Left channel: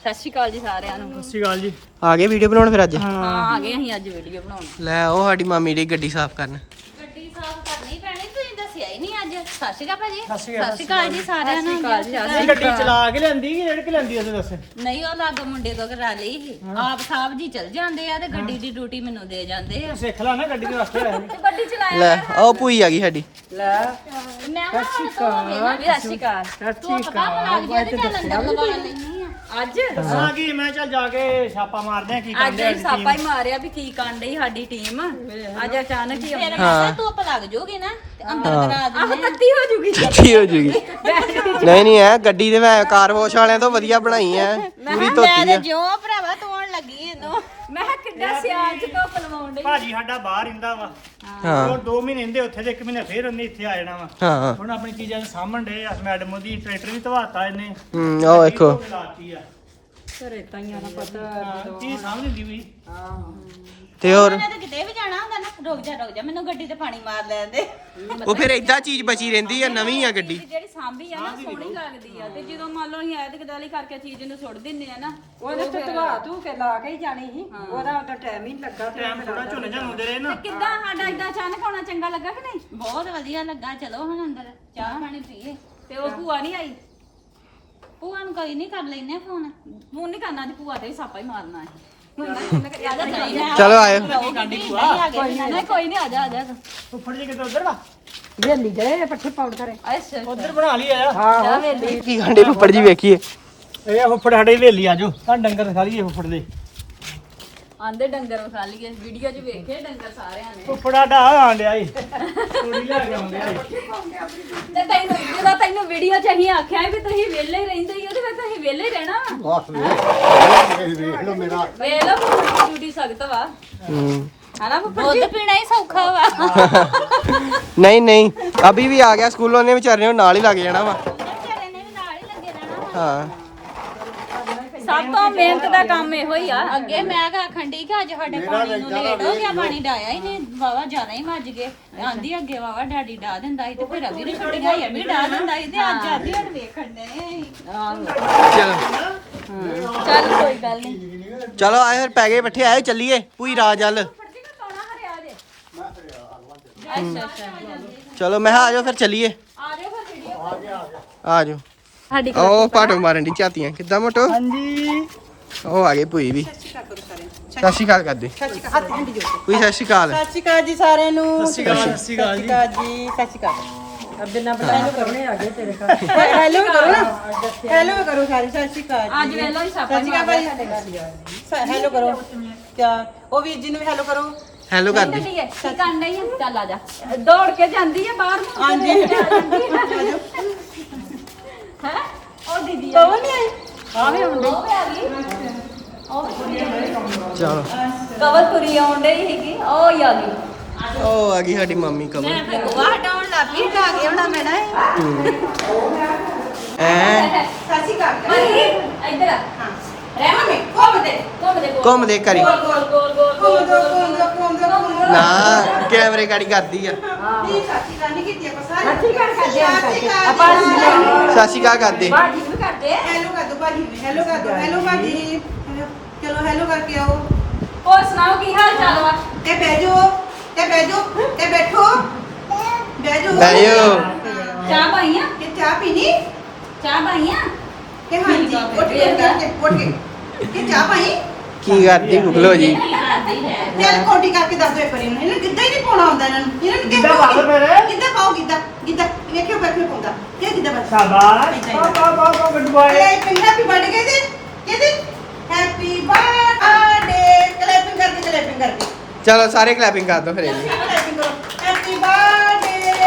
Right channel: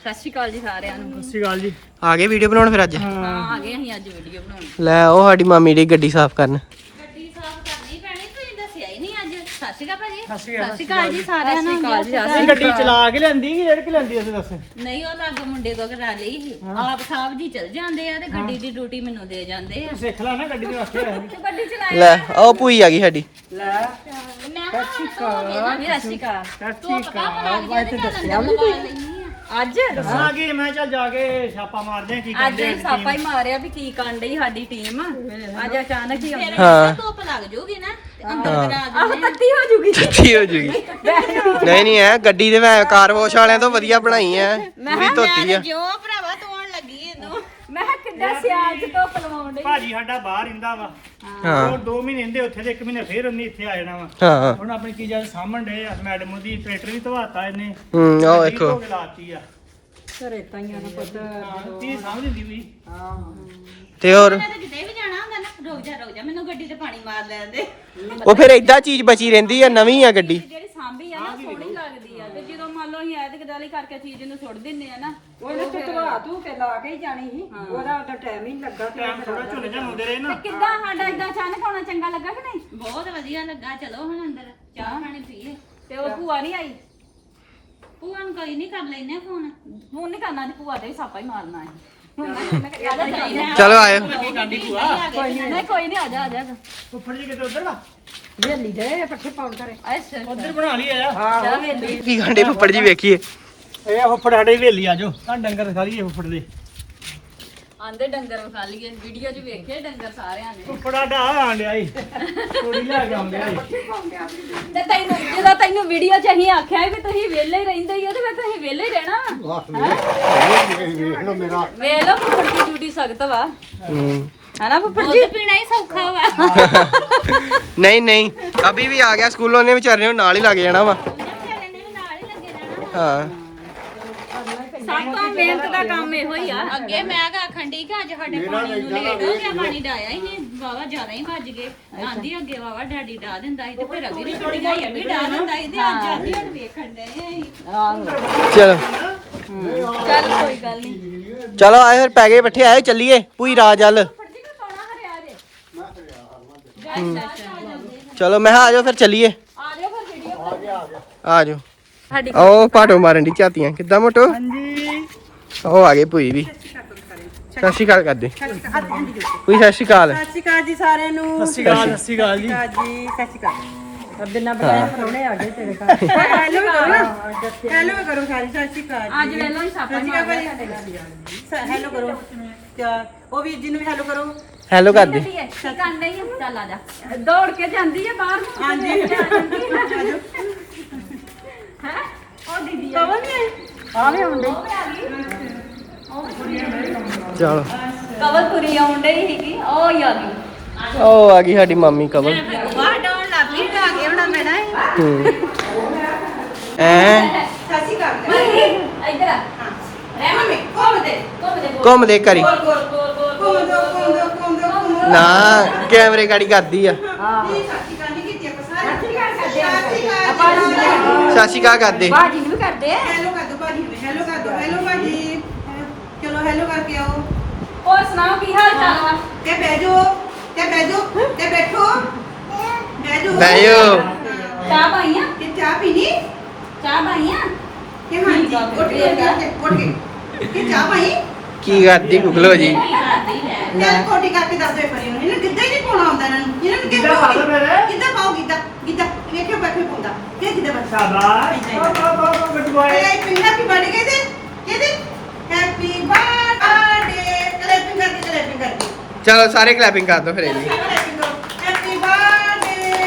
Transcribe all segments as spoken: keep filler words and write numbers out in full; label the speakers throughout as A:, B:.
A: ਸਤਿ ਸ਼੍ਰੀ ਅਕਾਲ ਜੀ ਸਾਰਿਆਂ ਨੂੰ।
B: ਸਤਿ ਸ਼੍ਰੀ ਅਕਾਲ ਜੀ।
C: ਆ ਗਏ ਵੀਡੀਓ ਬਣਾਉਣ ਫਿਰ ਅੱਜ?
A: ਹਾਂ ਆ ਗਏ ਅਸੀਂ ਅੱਜ ਵੀਡੀਓ ਬਣਾਉਣ।
C: ਲੈ ਉਹ ਸਾਡੀ ਮਾਮੀ ਦੀ ਗੱਡੀ ਸਾਫ਼ ਕਰਨ।
A: ਗੱਡੀ ਸਾਫ਼ ਕਰਨੀ ਪੈਣੀ, ਤੁਸੀਂ ਦੱਸਿਆ ਹੀ ਨਹੀਂ ਅੱਜ। ਸਤਿ ਸ਼੍ਰੀ ਅਕਾਲ ਭਾਜੀ। ਸਤਿ ਸ਼੍ਰੀ ਅਕਾਲ ਜੀ ਸਾਰਿਆਂ ਨੂੰ।
B: ਅਸੀਂ ਗੱਡੀ ਚਲਾ ਕੇ ਲੈਂਦੀ ਕਿ ਰੇੜ ਕੇ ਲੈਂਦੀ ਅਸੀਂ ਦੱਸ?
A: ਨਹੀਂ ਉਹ ਲੱਗ ਮੁੰਡੇ ਤੋਂ ਕਰਾ ਲਈ ਸੀ। ਆਪ ਸਾਹਿਬ ਜੀ ਚਲ ਜਾਂਦੇ ਆ ਤੇ ਗੱਡੀ ਦੀ ਡਿਊਟੀ ਮੈਨੂੰ ਦੇ ਜਾਂਦੇ ਆ।
B: ਸਿੱਖ ਲੈ ਨਾ ਗੱਡੀ ਦੇ ਵਾਸਤੇ ਹੋਇਆ
A: ਤੇ ਗੱਡੀ ਚਲਾਇਆ
C: ਲੈ ਉਹ ਭੂਈ ਆ ਗਈ ਸਾਡੀ।
B: ਲੈ
A: ਮੈਂ ਸਤਿ ਸ਼੍ਰੀ ਅਕਾਲ। ਸਤਿ ਸ਼੍ਰੀ ਅਕਾਲ।
B: ਸਤਿ ਸ਼੍ਰੀ ਅਕਾਲ।
A: ਬਾਅਦ ਚ ਦੱਸਿਆ ਅੱਜ
B: ਹਾਂ ਕੀ ਮੈਂ ਚੱਲ ਜਾ ਕੇ ਛਾਪਾ ਮਾਰਦੇ ਆ ਕੀ
A: ਅੱਜ ਹੀ ਸਾਪਾ ਹੀ ਮਾਰਿਆ ਵੀ ਕੀ ਕਰਨ ਡਈ ਸਾਡੀ ਟੀਮ। ਅੱਜ ਅਚਾਨਕ ਹੀ ਆਉਣੀ।
C: ਹਾਂ
A: ਧੁੱਪ ਲੱਗ ਜੂਗੀ ਨਾ ਤੇ ਅੰਦਰ ਕਰਾ ਦੇ। ਆਹ ਤੱਤੀ ਹੋ ਜੂਗੀ।
C: ਕੀ ਹੋ ਜੂਗੀ? ਨਹੀਂ ਨਹੀਂ ਐ ਗੱਡੀ ਤੇ ਮੈਂ ਕਾਰ ਵਾਸ਼ ਵਾਲਿਆਂ ਤੋਂ ਵਧੀਆ ਬਣਾਈ ਐ, ਪੂਰੀ ਧੋਤੀ ਆ।
A: ਜਿਉਂ ਭਰਾਵਾ ਧੋਣ ਲੱਗੀ ਐ ਤੂੰ। ਮੈਂ ਕਿਹਾ ਕਿੱਡਾ ਸਿਆਲ ਚ ਧੁੱਪ ਲਵਾਉਣ ਡਈ।
B: ਭਾਜੀ ਸਾਡਾ ਬਾਹਰ ਰਹਿੰਦਾ ਵਾ।
C: ਹਾਂ
B: ਉਹ ਦੋ ਮਹੀਨੇ ਰਹਿੰਦੇ ਉੱਥੇ ਤੇ ਇੱਕ ਮਹੀਨੇ ਫੇਰ ਉਹਨੇ ਇੱਥੇ ਆ ਜਾਣਾ ਵਾ।
C: ਹਾਂ
B: ਹੁਣ ਆਪਣੀ ਚੀਜ਼ਾਂ ਸਾਂਭਣ ਡੇ ਆ। ਮੈਡਮ ਉਹਦੀ ਟਰੈਕਟਰ ਵੀ ਧਵਾਤਾ ਇਹਨੇ।
C: ਹੂੰ ਉਹ ਵੇਖੋ
A: ਘਰੇ ਤਾਂ ਹੀ ਆਣਾ ਪਤਾ।
B: ਕੀ ਸਮਝ ਨਹੀਂ ਵੀ।
C: ਤੇ ਹੋਰ
A: ਮੈਂ ਤਾਂ ਕਿਤੇ ਵੀ ਜਾਣਾ ਹੁੰਦਾ ਨਾ, ਰੁਕ ਜਾ ਰੁਕ ਜਾ ਮੈਨੂੰ ਗੱਡੀ ਤੇ ਪਾਣੀ ਮਾਰ ਲੈਣ ਦੇ।
C: ਉਹ ਫਿਰ ਏਦਾਂ ਚੀਜ਼ ਬਚੀ ਰਹਿੰਦੀ ਆ, ਨਵੀਂ ਆ ਗੱਡੀ।
A: ਜਿਹੜੀ ਸਾਂਭੀ ਆ ਨਾ ਸੋਹਣੀ ਲੱਗਦੀ ਆ, ਤੇ ਜਦੋਂ ਮੰਨ ਲਓ ਅਸੀਂ ਐਤਕ ਦਾਲੀ ਕਰਕੇ ਚੀਜ਼ ਨੂੰ ਸੁੱਟ ਦਿੰਨੇ ਆ ਨਾ,
D: ਉਹਨੇ ਤੇ ਧਵਾ ਧੂ ਕੇ ਲਾ ਕੇ ਹੀ ਜਾਣੀ ਸੀ। ਉਹਦਾ ਤਾਂ ਟਾਈਮ ਹੀ ਨੀ ਲੱਗਾ ਤੇ
B: ਟਾਈਮ ਥੋੜਾ ਝੋਨੇ ਜਾਂ ਹੁੰਦੇ ਰਹੇ ਨਾ।
A: ਕਿੱਦਾਂ ਸਾਡਾ ਇਦਾਂ ਅਚਾਨਕ ਆਉਣਾ ਚੰਗਾ ਲੱਗਾ ਕਿ ਨਹੀਂ? ਬਹੁਤ ਵਧੀਆ ਲੱਗਾ। ਚਲੋ ਹੁਣ ਅੰਦਰ ਚਾਹ ਪਾਣੀ ਪੀਏ। ਤੇ ਉਹ ਭੂਆ ਨਹੀਂ ਆਈ? ਭੂਆ ਨੂੰ ਕੋਈ ਨਹੀਂ, ਕਰ ਲੈਨੇ ਫੋਨ। ਫੋਨ ਨਹੀਂ ਕਰਨਾ, ਤੇ ਭੂਆ ਤੇ ਵੀ ਸਾਪਾ ਹੀ ਮਾਰਨਾ ਹੈ।
C: ਚਲੋ ਆਇਓ।
A: ਨਹੀਂ ਕੋਈ ਨਹੀਂ, ਆ ਜਾ ਆ ਜਾ।
B: ਫੁੱਫੜ ਜੀ ਕਿਤੇ ਉਧਰ ਦਾ
D: ਵੇਲੀ ਗਏ ਪੱਠੇ ਪਾਉਣ ਕਰੇ।
A: ਅੱਛਾ
B: ਉਧਰ ਬਣਾ ਲਈ ਆ।
A: ਚਾਹ ਵੇਲੀ।
C: ਕੀ ਗਾਂਡੇ ਫੁੱਫੜ ਜੀ ਵੇਖੀਏ।
B: ਇਹ ਫੁੱਫੜ ਸਾਡੇ ਵੇਲੀ ਆਜੋ ਤਾਂ ਡੰਗਰ ਖਾ ਲਈਏ ਫੁੱਫੜ ਦੇ।
A: ਆਂਦੇ ਡੰਗਰ ਖਾ ਲਈਏ। ਵੀਡੀਓ 'ਚ ਵੇਖੇ ਡੰਗਰ ਸਾਰਿਆਂ ਨੇ।
B: ਫੁੱਫੜਾ ਢਾ ਆਂਡਿਆ ਈ ਥੋੜੀ ਲੈ ਕੇ ਆਉਂਦੇ
A: ਤੇ ਤੈਨੂੰ ਜਦੋਂ ਤੈਨੂੰ ਵੀਡੀਓ 'ਚ ਅਸੀਂ ਆਖਿਆ ਵੀ ਤੁਸੀਂ ਵਿਹਲੇ ਹੀ ਰਹਿੰਦੇ ਹੀ ਹੋ, ਤੇ ਫਿਰ ਤੁਸੀਂ ਵਿਹਲੇ ਹੀ ਰਹਿਣਾ ਵਾ।
E: ਵੇਖ ਲਓ ਮੇਰਾ
A: ਵੇਖ ਲਓ ਡਿਊਟੀ ਸਖਤ ਵਾ।
C: ਹੂੰ
A: ਹਨਾ ਦੁੱਧ ਪੀਣਾ ਹੀ ਸੌਖਾ ਵਾ।
C: ਨਹੀਂ ਨਹੀਂ ਅਭੀ ਵੀ ਆ ਗਿਆ ਸਕੂਲੋਂ, ਉਹਨੇ ਵਿਚਾਰੇ ਨੂੰ ਨਾਲ ਹੀ ਲੱਗ ਜਾਣਾ ਵਾ।
A: ਵਿਚਾਰੇ ਨੇ ਵੀ ਨਾਲ ਹੀ ਲੱਗੇ ਰਹਿਣਾ।
C: ਹਾਂ
A: ਸਭ ਤੋਂ ਮਿਹਨਤ ਦਾ ਕੰਮ ਇਹੋ ਹੀ ਆ। ਅੱਗੇ ਮੈਂ ਕਹ ਖੰਡੀ ਕਿ ਅੱਜ ਸਾਡੇ ਪਾਣੀ ਨੂੰ ਲੇਟ ਹੋ ਗਿਆ, ਪਾਣੀ ਡਾਇਆ ਹੀ ਨਹੀਂ, ਵਾਵਾ ਜ਼ਿਆਦਾ ਹੀ ਵੱਜ ਗਏ। ਆਂਦੀ ਅੱਗੇ ਵਾਵਾ ਡੈਡੀ ਡਾ ਦਿੰਦਾ ਸੀ, ਤੇ ਫਿਰ ਅੱਗੇ ਦੀ ਛੁੱਟੀ ਹੋਈ ਵੀ ਡਾ ਦਿੰਦਾ ਸੀ, ਤੇ ਅੱਜ ਆਂਦੀ ਹੁਣ ਵੇਖਣ ਦੇ ਆਹੋ।
C: ਚਲੋ
A: ਚੱਲ ਕੋਈ ਗੱਲ ਨਹੀਂ।
C: ਚਲੋ ਆਏ ਫਿਰ ਪੈ ਗਏ ਬੱਠੇ, ਆਏ ਚੱਲੀਏ ਭੂਈ ਰਾਜ ਵੱਲ। ਚਲੋ ਮੈਂ ਕਿਹਾ ਆ ਜਾਓ ਫਿਰ ਚੱਲੀਏ।
A: ਆ ਜਾਓ ਫਿਰ ਵੀਡੀਓ
C: ਆ ਜਾਓ। ਉਹ ਪਾਟੋ ਮਾਰਨ ਦੀ ਝਾਤੀਆਂ ਕਿੱਦਾਂ ਮੋਟੋ। ਉਹ ਆ ਗਏ ਭੂਈ ਵੀ। ਸਤਿ ਸ਼੍ਰੀ ਅਕਾਲ ਕਰਦੇ ਭੂਈ। ਸਤਿ ਸ਼੍ਰੀ ਅਕਾਲ।
D: ਸਤਿ ਸ਼੍ਰੀ ਅਕਾਲ ਜੀ ਸਾਰਿਆਂ ਨੂੰ।
B: ਸਤਿ ਸ਼੍ਰੀ ਅਕਾਲ ਜੀ।
D: ਜੀ ਸਤਿ ਸ਼੍ਰੀ ਅਕਾਲ। ਅਬ ਬਿਨਾਂ ਬਤਾਏ ਪ੍ਰਾਹੁਣੇ ਆ ਗਏ ਤੇਰੇ ਘਰ। ਹੈਲੋ ਕਰੋ ਨਾ, ਹੈਲੋ ਕਰੋ ਸਾਰੀ। ਸਤਿ ਸ਼੍ਰੀ ਅਕਾਲ ਜੀ।
A: ਅੱਜ ਵੇਲੋ ਹੀ ਸਾਪਾ
D: ਸਤਿ ਸ਼੍ਰੀ ਅਕਾਲ ਭਾਈ। ਹੈਲੋ ਕਰੋ ਕਿਆ ਉਹ ਵੀਰ ਜੀ ਨੂੰ ਵੀ ਹੈਲੋ ਕਰੋ।
C: ਹੈਲੋ ਕਰਦੇ।
A: ਕੀ ਕਰਨ ਡਈ ਆ? ਚੱਲ ਆ ਜਾ। ਦੌੜ ਕੇ ਜਾਂਦੀ ਆ ਬਾਹਰ ਨੂੰ।
D: ਹਾਂਜੀ
A: ਹੈ ਉਹ ਦੀਦੀ
D: ਕੌਣ ਹੈ? ਆਵੇ ਹੁੰਦੇ
C: ਚਲੋ
A: ਕਵਲਪੁਰੀ ਆਉਣ ਡਈ ਸੀਗੀ, ਉਹ ਹੀ ਆ ਗਈ।
C: ਉਹ ਆ ਗਈ ਸਾਡੀ ਮਾਮੀ ਕਵਲ।
A: ਵਾਹ ਡਾਉਣ ਲੱਗ ਪਈ, ਆ ਗਿਆ ਹੋਣਾ ਮੈਂ ਨਾ।
C: ਹੂੰ ਐ
D: ਸਤਿ ਸ਼੍ਰੀ ਅਕਾਲ।
A: ਭਾਈ ਇੱਧਰ ਆ। ਰਹਿ ਮੰਮੀ ਘੁੰਮ ਦੇ ਘੁੰਮ ਦੇ
C: ਘੁੰਮ ਦੇ ਕਰੀ।
A: ਗੋਲ ਗੋਲ ਗੋਲ ਗੋਲ
D: ਘੁੰਮ ਜਾ ਘੁੰਮ ਜਾ ਘੁੰਮ ਜਾ ਘੁੰਮ ਜਾ।
C: ਨਾ ਕੈਮਰੇ ਗਾੜੀ ਕਰਦੀ ਆ।
D: ਨਹੀਂ ਸੱਚੀ ਗੱਲ ਨਹੀਂ ਕੀਤੀ ਆਪਾਂ ਸਾਰੇ।
A: ਸੱਚੀ ਗੱਲ ਕਰਦੇ ਆ ਕਰਦੇ ਆਪਾਂ ਜੀ
C: ਸਤਿ ਸ਼੍ਰੀ ਅਕਾਲ ਕਰਦੇ।
A: ਬਾਜੀ ਵੀ ਕਰਦੇ।
D: ਹੈਲੋ ਕਰ ਦੋ ਭਾਜੀ, ਹੈਲੋ ਕਰ ਦੋ। ਹੈਲੋ ਭਾਜੀ ਹੈਲੋ। ਚਲੋ ਹੈਲੋ ਕਰਕੇ ਆਓ।
A: ਹੋਰ ਸੁਣਾਓ ਕੀ ਹਾਲ ਚਾਲ ਵਾ?
D: ਤੇ ਬਹਿ ਜਾਓ ਤੇ ਬਹਿ ਜਾਓ ਤੇ ਬੈਠੋ ਬਹਿ ਜਾਓ।
C: ਬਹਿ ਜਾਓ।
A: ਚਾਹ ਪਾਈ ਆ?
D: ਕਿ ਚਾਹ ਪੀਣੀ
A: ਚਾਹ ਪਾਈ ਆ?
D: ਕਿ ਹਾਂਜੀ ਉੱਠ ਕੇ ਉੱਠ ਕੇ ਕਿ ਚਾਹ ਪਾਈ।
C: ਕੀ ਕਰਦੀ ਗੁਗਲੋ ਜੀ?
D: ਚੱਲ ਕੋਟੀ ਕਰਕੇ ਦੱਸ ਦੋ ਇੱਕ ਵਾਰੀ ਇਹਨੂੰ ਗਿੱਧਾ ਹੀ ਨਹੀਂ ਪਾਉਣਾ ਆਉਂਦਾ ਇਹਨਾਂ ਨੂੰ। ਇਹਨਾਂ ਨੂੰ
B: ਗਿੱਧਾ ਪਾ ਲਓ ਫਿਰ।
D: ਗਿੱਧਾ ਪਾਓ ਗਿੱਧਾ ਗਿੱਧਾ ਵੇਖਿਓ ਬੈਠੇ ਪਾਉਂਦਾ ਕਿ ਗਿੱਧਾ ਬੱਚਾ
B: ਸ਼ਾਬਾਸ਼ ਵਾਹ ਵਾਹ ਵਾਹ ਗੁੱਡ ਮਾਰਨਿੰਗ।
D: ਅਰੇ ਪਿੰਗਾ ਪੀ ਬਣ ਗਏ ਤੇ ਕਿਹਦੇ ਹੈਪੀ ਬਰਥਡੇ ਕਲੈਪਿੰਗ ਕਰਕੇ ਕਲੈਪਿੰਗ ਕਰਕੇ
C: ਚਲੋ ਸਾਰੇ ਕਲੈਪਿੰਗ ਕਰ ਦੋ ਫਿਰ ਇਹਦੀ।
D: Happy birthday.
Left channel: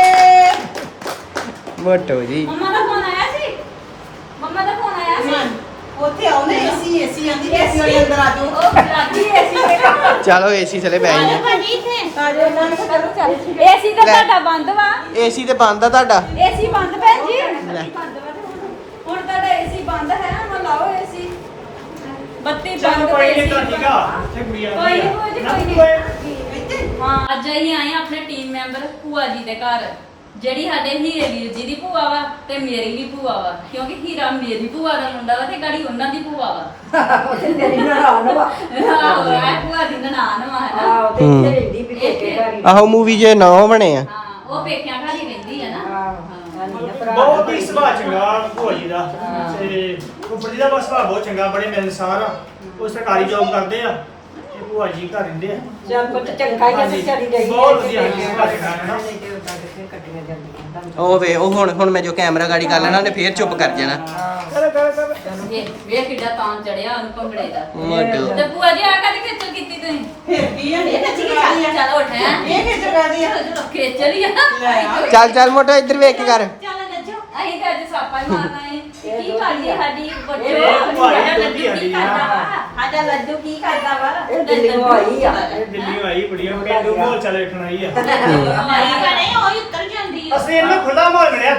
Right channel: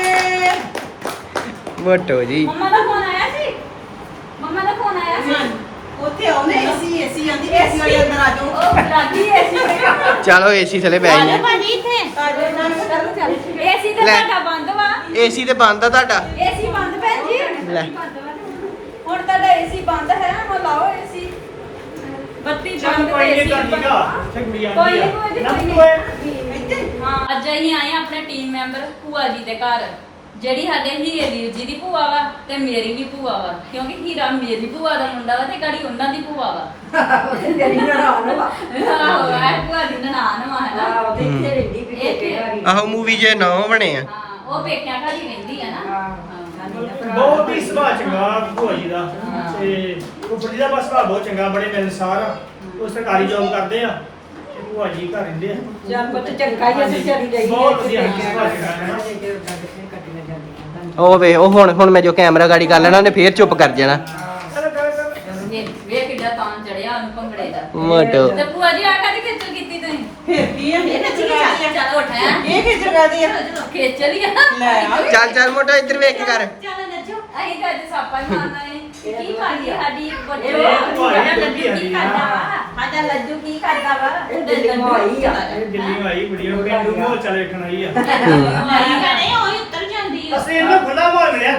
C: ਮੋਟੋ ਜੀ।
A: ਮੰਮਾ ਦਾ ਫੋਨ ਆਇਆ ਸੀ? ਮੰਮਾ ਦਾ ਫੋਨ ਆਇਆ ਸੀ?
D: ਉੱਥੇ ਆਉਨੇ ਏਸੀ ਏਸੀ ਆਂਦੀ ਏਸੀ ਵਾਲੇ ਅੰਦਰ ਆ ਜਾਓ।
A: ਉਹ ਲਾਗੀ ਏਸੀ ਤੇ ਕੰਮ।
C: ਚਲੋ ਏਸੀ ਥਲੇ ਬੈ ਗਏ।
A: ਭਾਜੀ ਇੱਥੇ ਏਸੀ ਤੇ
C: ਲੈ।
A: ਤੁਹਾਡਾ ਬੰਦ ਵਾ।
C: ਏਸੀ ਤੇ ਬੰਦ ਆ ਤੁਹਾਡਾ।
A: ਏਸੀ ਬੰਦ ਭੈਣ ਜੀ।
C: ਲੈ
A: ਹੁਣ ਤੁਹਾਡਾ ਏਸੀ ਬੰਦ ਹੈ ਨਾ, ਹੁਣ ਲਾਓ ਏਸੀ। ਬੱਤੀ
B: ਚੱਲ
A: ਬੰਦ
B: ਕੋਈ
A: ਤੇ
B: ਨਹੀਂ ਤਾਂ
A: ਏਸੀ
B: ਠੀਕ ਆ। ਇੱਥੇ ਕੁੜੀ
A: ਕੋਈ
B: ਆਉਂਦੀ
A: ਨਹੀਂ ਕੋਈ
B: ਆ।
A: ਨਹੀਂ
B: ਨਾ
A: ਕੋਈ
B: ਕੋਈ
A: ਨਹੀਂ। ਹਾਂ ਅੱਜ ਅਸੀਂ ਆਏ ਆ ਆਪਣੇ ਟੀਮ ਮੈਂਬਰ ਭੂਆ ਜੀ ਦੇ ਘਰ। ਜਿਹੜੀ ਸਾਡੇ ਹੀਰੇ ਵੀਰ ਜੀ ਦੀ ਭੂਆ ਵਾ ਤੇ ਮੇਰੀ ਵੀ ਭੂਆ ਵਾ ਕਿਉਂਕਿ ਹੀਰਾ ਮੇਰੀ ਭੂਆ ਦਾ ਮੁੰਡਾ ਵਾ ਤੇ ਗਾੜੀ ਉਹਨਾਂ ਦੀ ਭੂਆ ਵਾ
D: ਤੇਰੀ ਨਨਾਣ ਵਾ
A: ਆਹੋ ਇਹ ਭੂਆ ਦੀ ਨਨਾਣ ਵਾ ਹਨਾ
D: ਆਹੋ ਤੇ ਇੱਥੇ ਰਹਿੰਦੀ ਵੀ
A: ਇੱਥੇ।
D: ਘਰੀ।
C: ਆਹੋ ਮੂਵੀ ਜੇ ਨਾ ਬਣੇ ਆ
A: ਹਾਂ ਉਹ ਪੇਕਿਆਂ ਘਰ ਹੀ ਰਹਿੰਦੀ ਆ ਨਾ
D: ਆਹੋ।
A: ਹਾਂ।
D: ਨਾਨੀ ਦਾ ਭਰਾ
B: ਬਹੁਤ ਹੀ ਸੁਭਾਅ ਚੰਗਾ ਭੂਆ ਜੀ ਦਾ ਤੇ ਉੱਪਰ ਜੀ ਦਾ ਬਸ ਸੁਭਾਅ ਬਹੁਤ ਚੰਗਾ ਬੜੇ ਮਿਲਨਸਾਰ ਆ ਉਹ ਸਰਕਾਰੀ ਜੌਬ ਕਰਦੇ ਆ ਭੂਆ ਜੀ ਘਰ ਰਹਿੰਦੇ ਆ
D: ਚੱਲ ਪੁੱਤ ਚੰਗਾ ਹੀ ਆ ਤੇ ਚਲੀ ਰਹੀ
B: ਬਹੁਤ ਵਧੀਆ
D: ਹੈ
B: ਕੱਟੀਆਂ
C: ਉਹ ਵੇ ਉਹ ਹੁਣ ਹੁਣ ਮੈਂ ਜੋ ਕੈਮਰਾ ਗਾੜੀ ਕਰ ਲੈਣਾ ਉਹਨੇ ਫੇਰ ਚੁੱਪ ਕਰ ਜਾਣਾ
A: ਵੇਖ ਵੇਖ ਕਿੱਡਾ ਤਾਂ ਚੜਿਆ ਉਹਨੂੰ ਭੰਗੜੇ ਦਾ
C: ਮੋਟੋ
A: ਤੇ ਭੂਆ ਜੀ ਆ ਕਾਹਦੀ ਖੇਚਲ ਕੀਤੀ ਤੁਸੀਂ
D: ਫਿਰ ਕੀ ਆ ਇਹ ਕਿੱਥੇ ਗਈ ਆ
A: ਚੱਲ ਉੱਠ ਹੈਂ।
D: ਇਹ ਕਿੱਥੇ ਗਈ ਆ
A: ਖੇਚਲ ਹੀ ਆ
C: ਚੱਲ ਚੱਲ ਮੋਟੋ ਇੱਧਰ ਵੇਖ ਕਰ
A: ਚੱਲ ਨੱਜੋ ਅਸੀਂ ਤਾਂ ਅੱਜ ਸਾਪਾ ਹੀ ਮਾਰਨਾ ਹੈ ਕੀ ਕਰਦੀ ਸਾਡੀ ਬੱਚੋ
B: ਇਹ ਭੂਆ ਜੀ
A: ਸਾਡਾ ਲੱਡੂ ਕੀ
B: ਹੁੰਦੀ ਆ।
A: ਕਰਦਾ ਵਾ ਸਾਡਾ ਲੱਡੂ ਕੀ ਕਰਦਾ ਵਾ
D: ਇਹ ਦਿੱਲੀ ਨੂੰ ਆਈ ਆ।
B: ਇਹ ਦਿੱਲੀ ਆਈ ਬੜੀ ਉਹ ਪਿੰਡੂ ਨੂੰ ਚੱਲ ਵੇਖਣ ਆਈ ਆ
A: ਮਾਰੀ ਜਾਣੇ ਉਹ ਹੀ ਉੱਤਰ ਜਾਂਦੀ ਆ
B: ਅਸੀਂ ਇਹਨੂੰ ਖੁੱਲਾ ਮਾਰ ਲਿਆ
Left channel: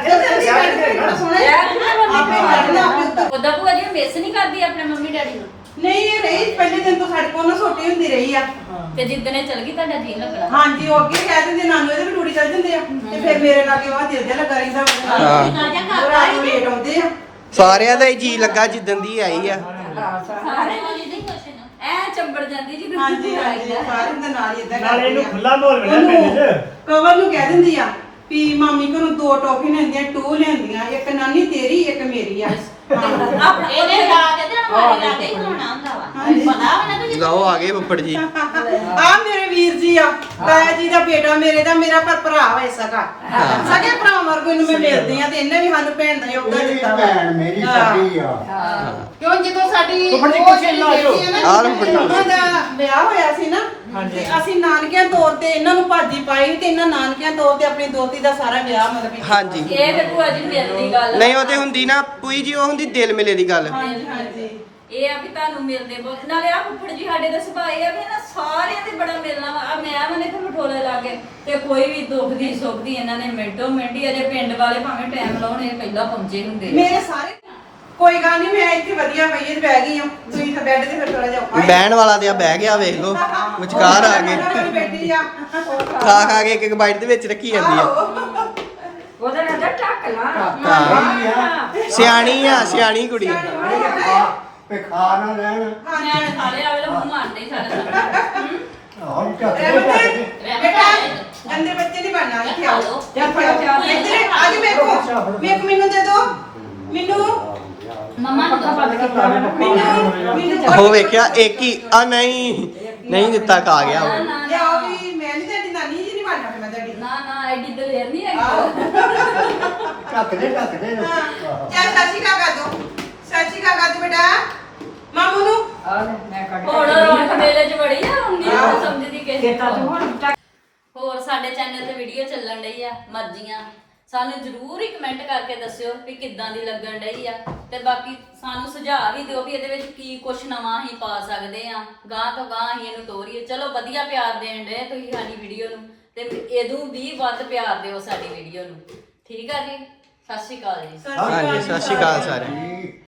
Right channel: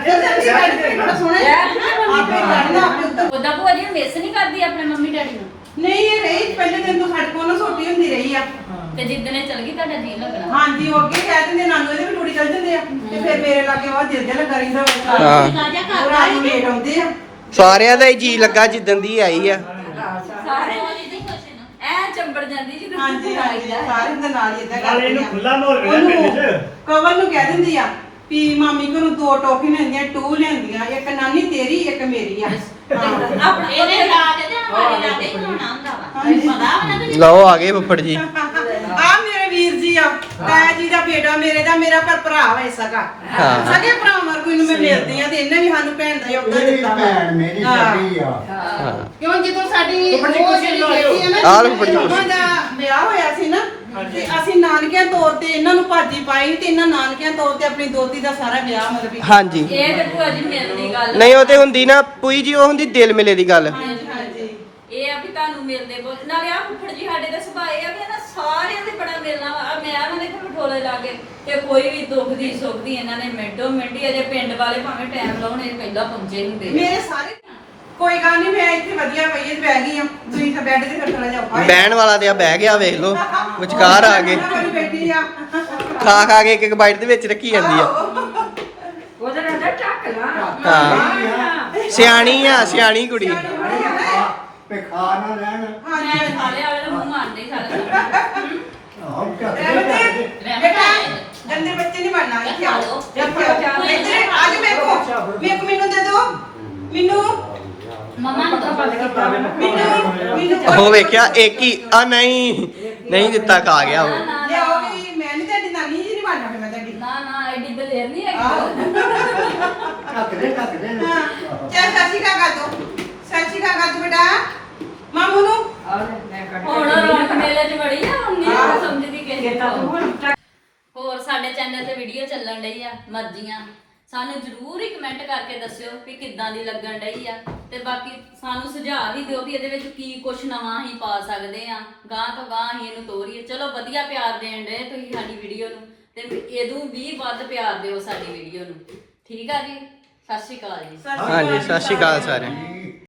D: ਆਪੇ ਕਰਨਾ ਆਪਣੇ ਉੱਤੇ
A: ਉਹਦਾ ਭੂਆ ਜੀ ਮਿਸ ਨਹੀਂ ਕਰਦੀ ਆਪਣੇ ਮੰਮੀ ਡੈਡੀ ਨੂੰ
D: ਨਹੀਂ ਇਹ ਰਹੀ ਪਹਿਲੇ ਦਿਨ ਤੋਂ ਸਾਡੇ ਕੋਲ ਨਾ ਛੋਟੀ ਹੁੰਦੀ ਰਹੀ ਆ
A: ਤੇ ਜਿੱਦਣੇ ਚਲ ਗਈ ਤੁਹਾਡਾ ਜੀ ਲੱਗਣਾ
D: ਹਾਂਜੀ ਉਹ ਅੱਗੇ ਕਹਿ ਦਿੰਦੇ ਨਾਨੂ ਇਹਦੇ ਵੀ ਟੂੜੀ ਚੱਲ ਜਾਂਦੇ ਆ ਤੇ ਫਿਰ ਮੇਰੇ ਲਾਗੇ ਉਹ ਦਿਲ ਜਿਹਾ ਲੱਗਾ ਰਹਿੰਦਾ
C: ਹਾਂ।
D: ਉਹ ਰਾਤ ਨੂੰ ਲੇਟ ਆਉਂਦੇ ਆ
C: ਸਾਰਿਆਂ ਦਾ ਹੀ ਜੀ ਲੱਗਾ ਜਿੱਦਣ ਦੀ ਆਈ ਆ
A: ਸਾਰੇ ਨੂੰ ਨਹੀਂ ਖੁਸ਼ ਨਾ ਐ ਚੰਬੜ ਜਾਂਦੀ ਜਦੋਂ
D: ਹਾਂਜੀ ਹਾਂਜੀ ਸਾਰੇ ਦੇ ਨਾਲ ਹੀ ਏਦਾਂ
B: ਨਾਲੇ ਇਹਨੂੰ
D: ਕਰਦੀ ਆ।
B: ਖੁੱਲਾ ਮਾਰ ਲਿਆ ਪਿੰਡ 'ਚ
D: ਕਵਲ ਨੂੰ ਕਹਿ ਦਿੰਦੀ ਆ ਵੀ ਮਾਮੀ ਕੋ ਨੂੰ ਦੋ ਟੋਫੀ ਲੈਂਦੀਆਂ ਟੂ ਲੈਂਦੀਆਂ ਇੱਕ ਨਾਨੀ ਤੇਰੀ ਇੱਕ ਮੇਰੀ ਆ ਹਾਂ
A: ਆਪਣਾ ਇਹਦੇ ਲਾ ਕੇ ਤੇ ਹਮਾਰੇ ਲਾ ਕੇ ਹੀ ਹੋਣਾ ਹੁੰਦਾ ਵਾ ਪਤਾ ਵਾ ਨਾ
C: ਲਓ ਆ ਗਏ ਫੁੱਫੜ ਜੀ
D: ਆ ਮੇਰੇ ਵੀਰ ਜੀ ਆ ਤਾਇਆ ਜੀ ਦਾ ਬੇਟਾ ਮੇਰੇ ਦਾ ਮੇਰਾ ਪਰ ਭਰਾ ਹੋਏ ਸਕਾ
C: ਹਾਂ।
D: ਸਕੇ ਭਰਾ ਵਰਗੂ ਇਹਨੂੰ ਮੈਂ ਮਿਲਦੀ ਆ ਤੇ ਇਹਨੇ ਵੀ ਸਾਨੂੰ ਭੈਣ ਦਾ ਯੋਗਦਾਨ
E: ਮੇਰੀ
D: ਦਿੱਤਾ ਵਾ।
E: ਭੈਣ ਮੇਰੀ
D: ਹਾਂ।
E: ਸਾਡੀ ਆ
C: ਹਾਂ
D: ਕਿਉਂ ਜਦੋਂ ਸਾਡੀ
B: ਫੁੱਫੜ ਜੀ
D: ਉਹ
B: ਕੁਰਸੀ
D: ਜਿਹੜੀ
B: ਲਾ ਲਓ।
D: ਬੇਟੀ ਹੈ ਨਾ
C: ਆ ਲਓ ਫੁੱਫੜ ਜੀ
D: ਉਹਨਾਂ ਦਾ ਵਿਆਹ ਹੋਇਆ ਸੀ ਨਾ ਤੇ ਅਸੀਂ ਨਾਨਕਿਆਂ ਤੌਰ ਤੇ ਇਹਨਾਂ ਨੂੰ ਭਾਜੀ ਪਾਈ ਤੇ ਇਹਨਾਂ ਨਾਨਕਿਆਂ ਤੌਰ ਤੇ ਆਪਣੀ ਦੋਤੀ ਦਾ ਸਾਰਾ ਵਿਆਹ ਮਤਲਬ ਵੀ
C: ਹਾਂਜੀ
A: ਇਹ ਤੇ ਭੂਆ ਜੀ ਮਿਲਦੀ ਗੱਲ
C: ਨਹੀਂ ਉਹ ਤੇ ਹੁੰਦੀ ਨਾ ਪੂਈ ਜੀ ਉਹ ਹੁੰਦੀ ਦਿਲ ਮਿਲੇ ਦੀ ਗੱਲ
D: ਹਾਂਜੀ ਹਾਂਜੀ
A: ਇਹ ਆ ਵੀ ਤੁਹਾਨੂੰ ਮਿਲਦੇ ਬਹੁਤ ਨਾਲੇ ਆ ਫੁੱਫੜ ਜੀ ਸਾਡੇ ਦਾ ਸੁਭਾਅ ਇਹ ਆ ਵੀ ਨਾ ਸਾਰਿਆਂ ਦੇ ਬੜਾ ਮਿਲਣਾ ਵਾ ਆ ਮੈਂ ਮਨੇ ਤੇ ਮਠੋਲੇ ਲਾ ਕੇ ਤੇ ਕੋਈ ਵੀ ਦੁੱਖ ਦੀ ਸੁੱਖ ਦੀ ਇਹਨਾਂ ਨੇ ਮਿੰਟੋ ਮਿੰਟ ਹੀ ਅਜੇ ਪਿੰਡ ਵਾਲੇ ਭਾਵੇਂ ਟਾਈਮ ਲਾਉਣੇ ਪਹਿਲਾਂ ਪਹੁੰਚੇ ਹੁੰਦੇ
D: ਮੇਰੇ ਸਾਰੇ ਕੋਈ ਗੱਲ ਨਹੀਂ ਮੈਂ ਇੱਥੇ ਵਧੀਆ ਪਈ ਤੇ ਬਹਿ ਗਈ ਹਾਂ ਤੁਸੀਂ ਤਾਂ ਬੈੱਡ ਤੇ ਫਿਰ ਚਲੇ ਜਾਓ
C: ਬਹਿਣ ਵਾਲਾ ਤੇ ਆ ਬਹਿ ਗਿਆ ਵੇਖ ਲਓ ਵਿਚਕਾਰ ਆ ਗਏ
D: ਮੇਰੀ ਬੇਟੀ ਆ
C: ਖਾ ਖਾ ਕੇ ਇੱਕ ਇੱਕ ਬਾਈਟ ਦੇ ਵਿੱਚ ਰੱਖੀ ਜਾਂਦੀ ਆ
D: ਉਹਦੇ ਅੰਦਰ ਟੱਕ ਲਾ
C: ਹਾਂ ਸਿਆਣੀ ਆ ਸਿਆਣੀ ਕੁੜੀ
E: ਤੇ ਖਾ ਨਾ ਲੈਣ
A: ਮੈਂ ਸਾਰੇ ਆਲੇ ਦਾ ਮੂੰਹ ਮਾਰਦੇ ਹੀ ਸਾਰੇ ਸਾਰੇ।
E: ਆਹ ਕੱਟ
D: ਬੇਟਾ ਗੰਦੇ ਬੱਚੇ ਨਹੀਂ ਬਣਨਾ ਇੱਥੇ ਆਓ ਚੱਲ ਫੜੋ ਇੱਧਰ ਆ ਜਾਓ ਵੇਖੋ ਵੇਖ ਮੈਨੂੰ ਦੇ ਦੋ ਮੈਨੂੰ
A: ਮੰਮਾ ਨੂੰ ਤਾਂ ਪਤਾ ਕਿ
D: ਮੈਨੂੰ ਮੈਨੂੰ
C: ਉਹ ਵੇਖਿਆ ਇੱਕ ਹੀ ਆ ਨਹੀਂ ਨਹੀਂ ਦਿੱਤਾ ਖਾ ਗਿਆ ਉਹ
D: ਲਿਆਓ ਵੀ ਮੈਂ ਨਹੀਂ ਤੁਹਾਡੀ ਨਾਨੀ ਜੀ ਨਹੀਂ ਬਣਨਾ ਫਿਰ ਮੈਂ ਤੁਹਾਡੀ
A: ਨਾ ਨਾ ਐਡੀ ਦਲੇਰ ਨਹੀਂ ਹੈਗੀ
E: ਕੱਟ ਦੇ ਕੱਟ ਦੇ
D: ਚੱਲ ਸਾਸੀ ਕਾ ਗਾ ਦੋ ਸਾਸੀ ਕਾ ਗਾ ਦੋ ਬੇਟਾ ਮਾਮੂ ਨੂੰ
A: ਹੁਣ ਰੌਣਕ ਮੇਲੇ 'ਚ ਵੜੀ ਆ ਹੁਣ ਨਹੀਂ ਸਮਝਦੀ ਕਿਸੇ ਨੂੰ ਹੋਰ ਸਾਡੇ ਚੈਨਲ ਤੇ ਵੀਡੀਓ ਚੱਲਣ ਡਈ ਆ ਮਰਜ਼ੀਆਂ ਸਾਨੂੰ ਜਰੂਰ ਹੀ ਕਮੈਂਟ ਕਰਕੇ ਦੱਸਿਓ ਵੀ ਕਿੱਦਾਂ ਦੀ ਲੱਗਣ ਡਈ ਆ ਤੇ ਬਾਕੀ ਸਾਨੂੰ ਸੁਝਾਅ ਵੀ ਦਿਓ ਵੀ ਇਹਦੇ ਵਿੱਚ ਕੀ ਕੁਛ ਨਵਾਂ ਹੀ ਪਾ ਸਕਦੇ ਆ ਗਾਂ ਤੋਂ ਗਾਂ ਹੀ ਇਹਨੂੰ ਤੋਰੀਏ ਚਲੋ ਵਧੀਆ ਪਿਆਰ ਦੇਣ ਡਏ ਤੁਸੀਂ ਸਾਡੀ ਵੀਡੀਓ ਨੂੰ ਤੇ ਇਹਦੋਂ ਵੀ ਵੱਧ ਪਿਆਰ ਦਿਓ ਸਾਡੀ ਵੀਡੀਓ ਨੂੰ ਠੀਕ ਆ ਜੀ ਸਤਿ ਸ਼੍ਰੀ ਅਕਾਲ ਜੀ
C: ਹਾਂਜੀ ਸਤਿ ਸ਼੍ਰੀ ਅਕਾਲ ਸਾਰਿਆਂ ਨੂੰ।